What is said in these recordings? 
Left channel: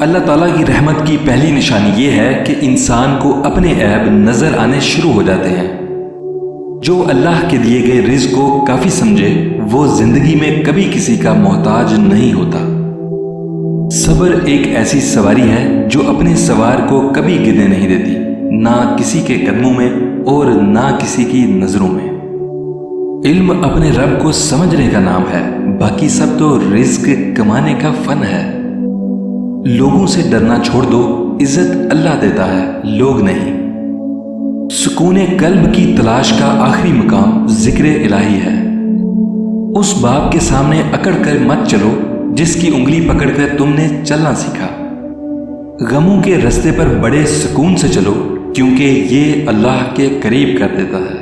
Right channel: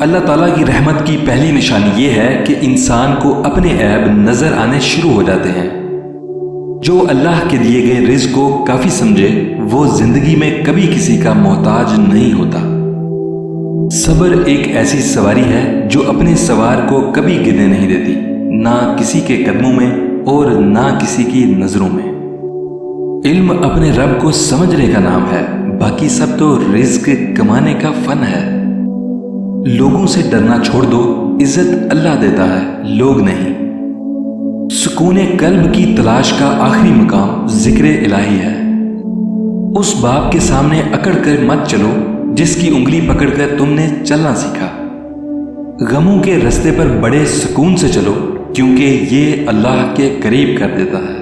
اللہ تعالیٰ کی رحمت کی پہلی نشانی یہ ہے کہ انسان کو اپنے عیب نظر آنے شروع ہو جاتے ہیں۔ جو اللہ کے دیے گئے رزق کو کافی سمجھے وہ زندگی میں کبھی کسی کا محتاج نہیں ہوتا۔ صبر ایک ایسی سواری ہے جو اپنے سوار کو کبھی گرنے نہیں دیتی، نہ کسی کے قدموں میں اور نہ کسی کی نظروں میں۔ علم اپنے رب کو سمجھنے کا نام ہے، باقی سب تو رزق کمانے کا فن ہے۔ لوگوں سے ڈرنا چھوڑ دو، عزت اللہ دیتا ہے، لوگ نہیں۔ سکون قلب کی تلاش کا آخری مقام ذکر الہی ہے۔ اس باپ کے سامنے اکڑ کر مت چلو جس کی انگلی پکڑ کر تم نے چلنا سیکھا۔ غموں کے رستے پر بڑے سکون سے چلو کیونکہ یہ اللہ کے قریب کر دیتا ہے۔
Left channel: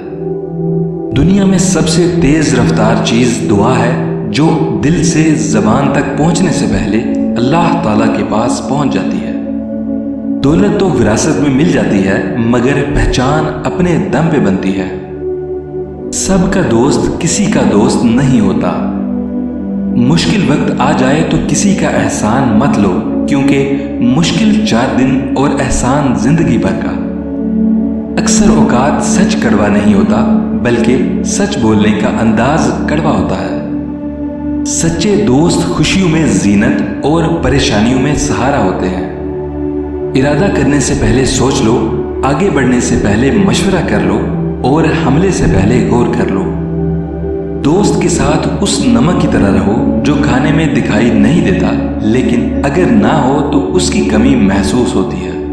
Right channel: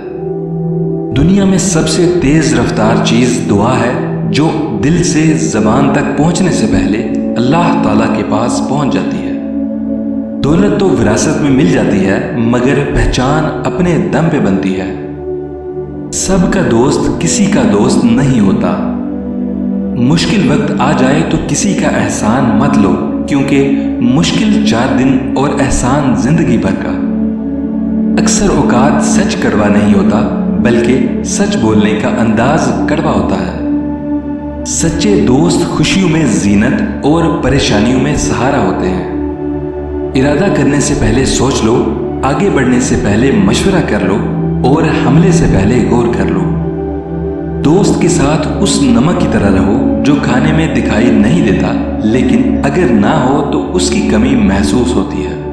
دنیا میں سب سے تیز رفتار چیز دعا ہے جو دل سے زبان تک پہنچنے سے پہلے اللہ تعالیٰ کے پاس پہنچ جاتی ہے۔ دولت تو وراثت میں مل جاتی ہے مگر پہچان اپنے دم پہ بنتی ہے۔ سب کا دوست کسی کا دوست نہیں ہوتا۔ مشکل وقت آ جائے تو کسی کا احسان مت لو کیونکہ مشکل 4 دن اور احسان زندگی بھر کا۔ اکثر اوقات سچ کڑوا نہیں ہوتا بلکہ سچ بولنے کا انداز کڑوا ہوتا ہے۔ سچے دوست خوشیوں میں زینت اور پریشانیوں میں سہارا ہوتے ہیں۔ ارادہ کرنے سے پہلے سوچ لو، آگے بڑھنے سے پہلے مشورہ کر لو اور حملے سے پہلے غور کر لو۔ دوست کے ساتھ اس نمک کی طرح رہو جو کھانے میں دکھائی نہیں دیتا لیکن اگر نہ ہو تو اس کی کمی محسوس ہوتی ہے۔